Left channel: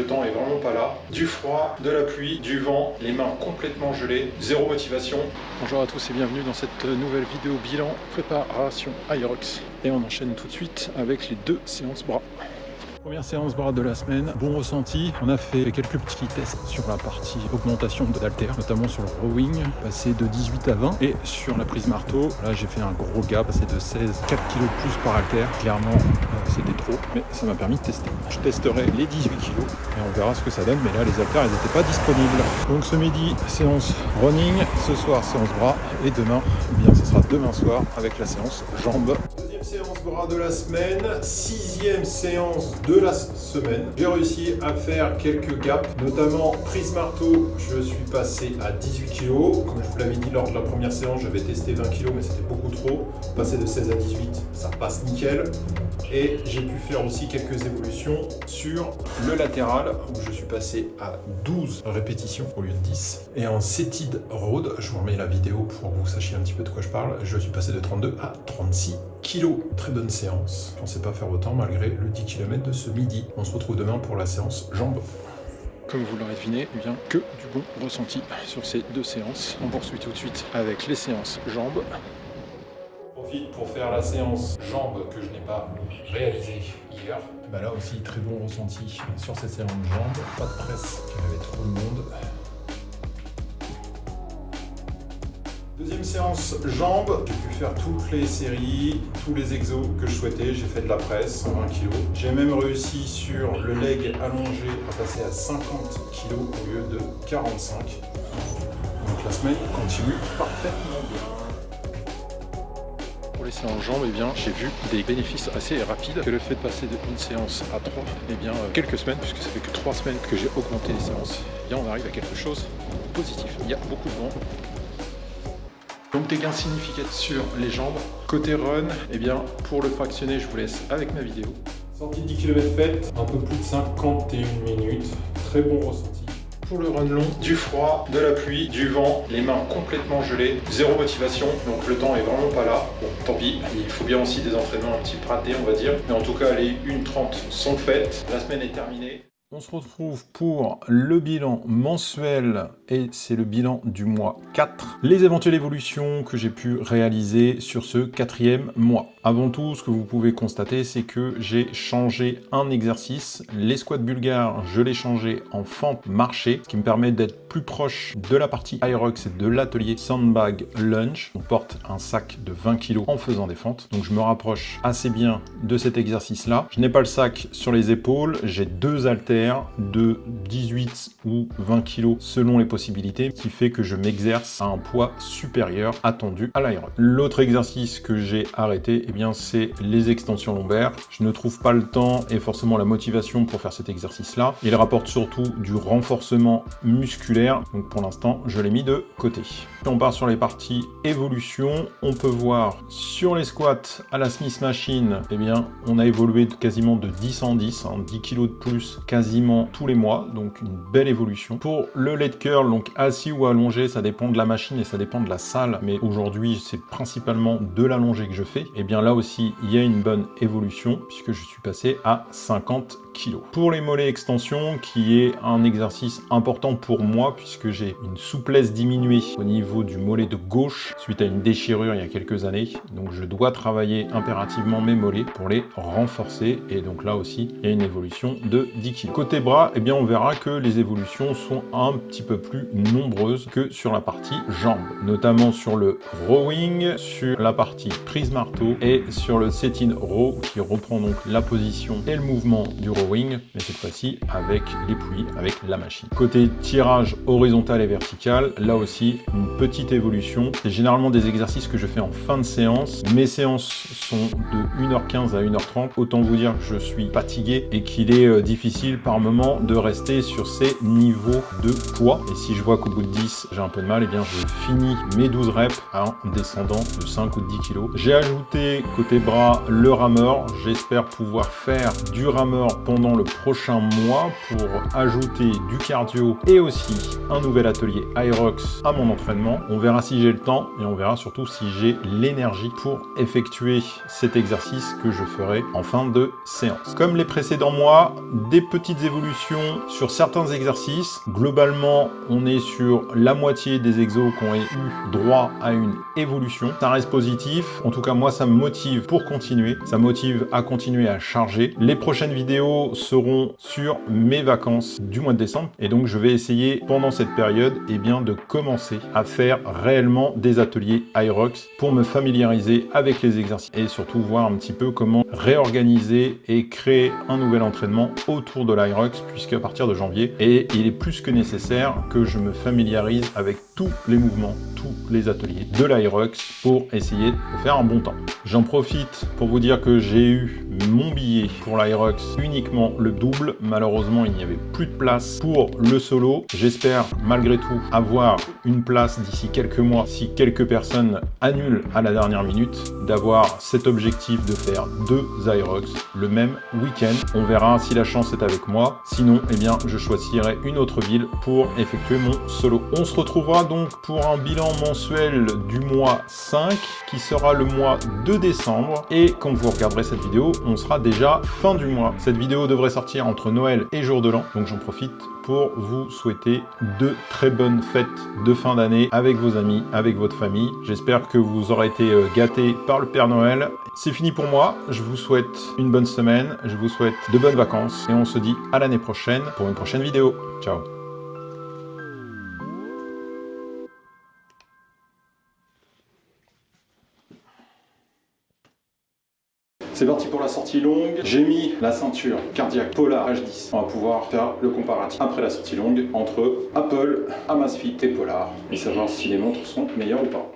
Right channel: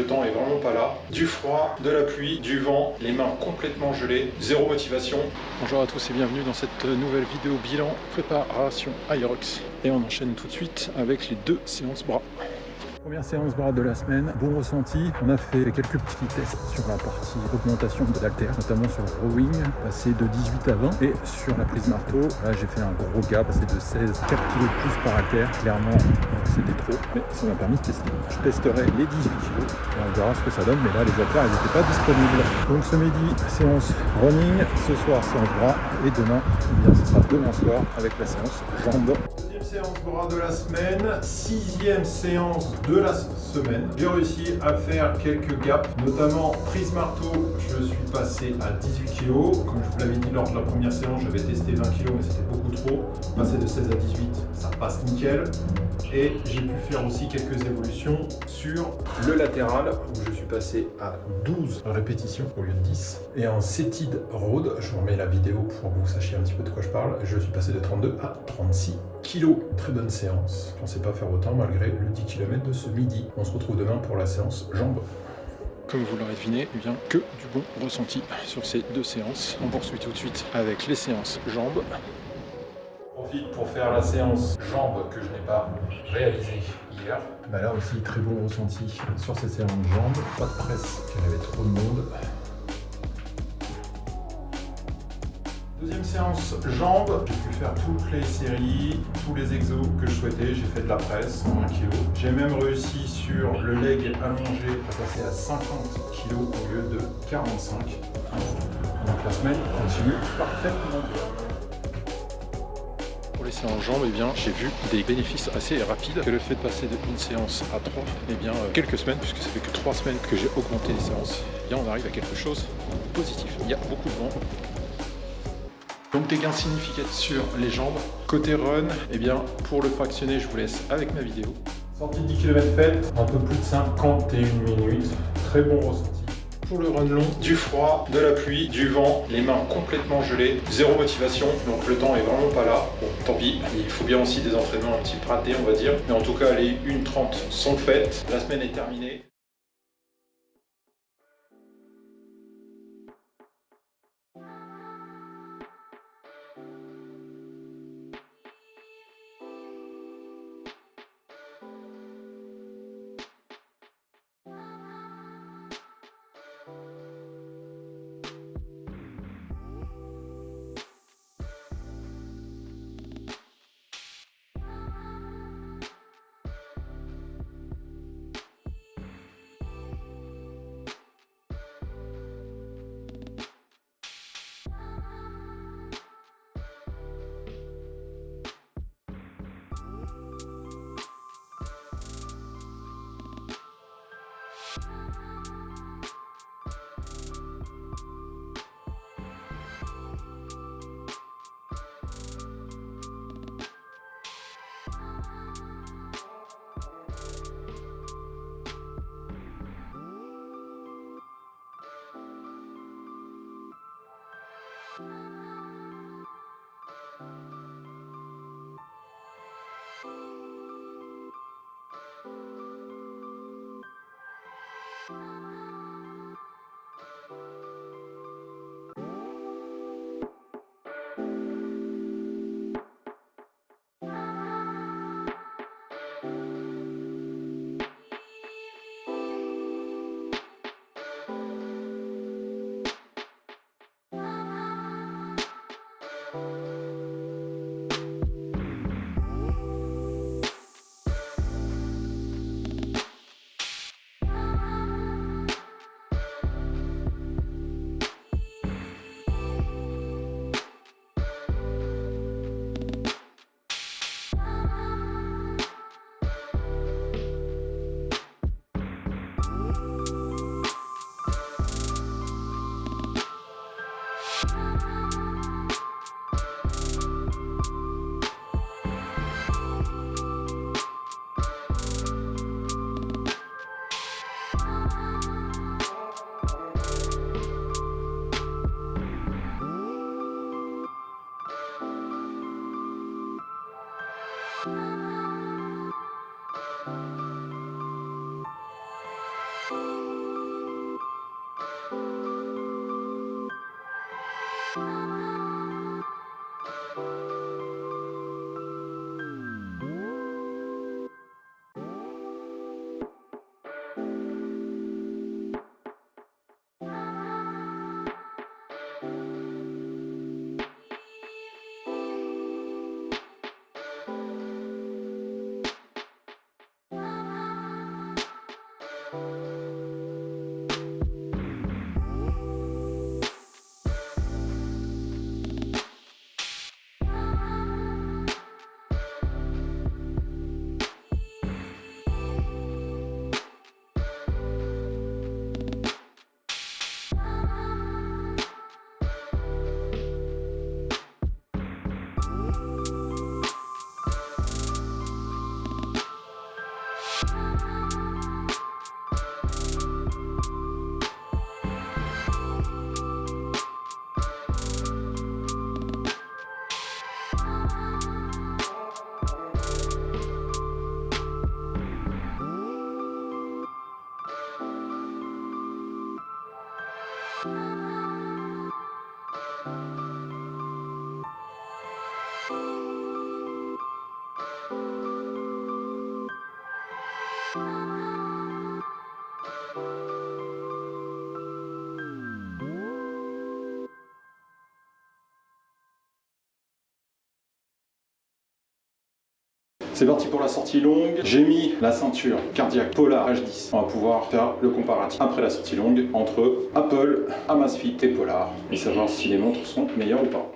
le temps est vraiment pas là. Du froid, de la pluie, du vent, les mains complètement gelées, zéro motivation. Bonjour à tous et bienvenue dans cette nouvelle vidéo bilan préparation Hyrox. Et on enchaîne tout de suite avec les 2 séances bras. Première séance bras de la semaine, bon ressenti. On a fait quelques petits tests sur la partie augmentation d'halter, notamment sur le rowing, passé de 18 à 20. Et sur la prise marteau, là j'ai fait un gros gap, passé de 16, 4 kg de plus par halter. Clairement, c'était trop, mais ça m'a permis de tester. Je testerai les 18 kg et on verra ce que ça donne. Mais là, les halters, ils n'étaient pas disponibles. Donc ce midi, séance running. Ce soir, séance bras. Et demain, eh bien, ce sera demain soir avec la séance jambes. Séance bras de la semaine, 6e séance de la semaine. J'ai réussi à faire quelques gaps, notamment prise marteau, je suis passé à 18 kg. Comme je vous l'avais dit lors de la première séance, j'avais testé 20 kg mais c'était beaucoup trop. Passer de 16 à 18, ça passe nickel. Et j'ai pu faire aussi quelques évolutions sur le latéral où je suis passé à 12 répétitions au lieu de 10. Et en seated road, je vous remets la vidéo pour que vous sachiez un petit peu de quoi je parle, je suis passé de 32 à 36 kg. Très bonne séance. Je ne pensais pas faire autant malgré le 10 km de ce midi. On se retrouve demain pour la séance jambes. Comme vous l'aurez deviné, eh bien, que du bon ressenti sur ces 2 séances. On poursuit tout de suite avec les séances jambes. Profite pour faire la séance jambes que je n'ai pas réalisée hier. Bah là aussi, très bon ressenti sur ces séances jambes. Pas de presse, il y avait trop de monde. Deuxième séance jambes, j'ai pu faire toutes les séries, tous les exos que je souhaitais. J'ai fait de la presse, 120 kg. J'ai même réussi sur le leg allongé à passer à 50 kg au lieu de 45. Donc la semaine continue parfaitement bien. Pour les séances jambes, eh bien, j'ai vu des bénéfices assez rapides. Que le fait de passer d'une séance à 3, eh bien, quelques semaines, puisque ça fait que 3 semaines que j'ai augmenté les séances, eh bien, on arrive à quelque chose de positif. Il y a beaucoup de vent. Donc des gains significatifs sur les jambes. Côté run, eh bien, pour le fractionner, je vous laisse avec ma vidéo. Sortie de 10 km faite, un peu plus de 51 minutes. Très bon ressenti. Pour le run long, du froid, de la pluie, du vent, les mains complètement gelées, zéro motivation, donc le temps est vraiment pas là. Bon, tant pis, il faut bien aussi des entraînements un petit peu ratés, on va dire. Mais en tout cas, les 1:30 sont faites. La semaine est terminée. On se retrouve pour le bilan mensuel et c'est le bilan du mois 4. Les éventuelles évolutions que j'ai pu réaliser sur ce 4e mois. Avant tout, ce que vous pouvez constater, c'est que j'ai changé un exercice. Les squats bulgares, je l'ai changé en fente marché, ce qui me permet d'être plus proche de la partie Hyrox et de l'atelier Sandbag Lunge. On porte un sac de 20 kg en faisant des fentes, donc je me rapproche assez bien de cet exercice-là. Je n'ai pas le sac sur les épaules, j'ai 2 haltères de 18 ou 20 kg selon les possibilités, qui fait que je m'exerce à un poids supérieur attendu à l'Hyrox. L'autre exercice que j'ai arrêté, eh bien, c'est les extensions lombaires. Je ne trouve pas le temps et forcément la motivation pour faire cet exercice-là. Il rapporte surtout du renforcement musculaire, donc pour l'instant, je l'ai mis de côté. Si on part sur les parties évolution, on peut voir sur les squats à la Smith Machine, eh bien, on a évolué quasiment de 10 en 10, 10 kg de plus quasiment tous les mois, donc une belle évolution. Pour le leg curl, donc assis ou allongé, ça dépend de la machine et ça dépend de la salle, mais aujourd'hui c'est principalement de l'allongé que je fais. Et bien là aussi il y a une bonne évolution puisque je suis passé à 50 kg. Pour les mollets extension, qui est un exercice important pour moi puisque j'ai une souplesse diminuée au niveau du mollet de gauche suite à une déchirure il y a quelques années, donc je dois travailler impérativement mes mollets pour les renforcer et donc là aussi il y a une évolution de 10 kg. Côté bras, eh bien, on verra que les évolutions sont un petit peu plus nombreuses que sur la partie jambes, notamment sur le rowing, sur la partie prise marteau et sur le set-in row qui reprend donc la position et le mouvement du rowing, mais cette fois-ci avec les poulies, avec la machine. Côté tirage horizontal et vertical, là aussi une petite évolution. C'est généralement des exercices que je fais en fin de séance. Mes séances sont de 1h15 à 1h30. Autant vous dire que je suis fatigué et qu'il est difficile par moment de rester sur ces niveaux de poids. Et si je vois qu'au bout de 10, j'ai un peu de mal, et bien je finis mes 12 reps en descendant de 5 ou de 10 kg. J'ai ajouté côté bras le rameur. J'espère pouvoir faire du rameur pendant pendant le prochain mois pour ajouter du cardio et aussi un nouvel atelier Hyrox à mon entraînement. On verra si j'ai le temps et on verra surtout si j'ai l'énergie pour effectuer cet exercice que je ferai en fin de séance. Comme les précédents mois, des petites évolutions sur certains exercices. Globalement, on est sur la moitié des exos qui ont eu droit à une évolution. Ça reste positif. En tout cas, moi, ça me motive pour continuer. Ça me motive à continuer à charger. Les prochaines vidéos seront sur mes vacances du mois de décembre. Et donc, je vais essayer pendant cette période de commencer à faire réellement des ateliers Hyrox pour me familiariser avec les exercices et surtout voir un petit peu comment réorganiser et créer un nouvel entraînement autour de l'Hyrox, puisqu'à partir de janvier, et il est plus que nécessaire que je me familiarise avec tous les mouvements, tous les ateliers de l'Hyrox pour essayer de faire un bon temps. J'en profite pour vous dire que j'ai eu mon billet pour l'Hyrox uniquement le double. Malheureusement, il n'y avait plus de place pour le solo. J'espère malgré tout avoir une place d'ici quelques mois, si quelques personnes annulent à la dernière minute, d'avoir cet objectif de faire 2 Hyrox le même week-end. On verra si la chance est avec moi. Sinon, je choisirai une autre ville pour effectuer mon solo. On se retrouvera donc pour un bilan mensuel du mois 5 qui sera le mois de décembre. Et quand vous regarderez cette vidéo, on sera déjà fin du mois. Cette vidéo devrait sortir entre Noël et Jour de l'An. Donc j'en profite pour vous souhaiter de très bonnes fêtes de fin d'année avec vos amis, avec votre famille. J'espère que vous aurez été gâtés par le Père Noël. C'est fini pour moi. Je vous souhaite une bonne semaine. Je vous souhaite de bonnes vacances. Et on se dit à l'année prochaine pour une prochaine vidéo. Ciao. C'est parti pour la sortie longue. J'ai mis la ceinture cardiaque Polar H10. On va pouvoir faire le comparatif après la sortie longue entre Apple, Amazfit et Polar et savoir si les montres sont meilleures ou pas.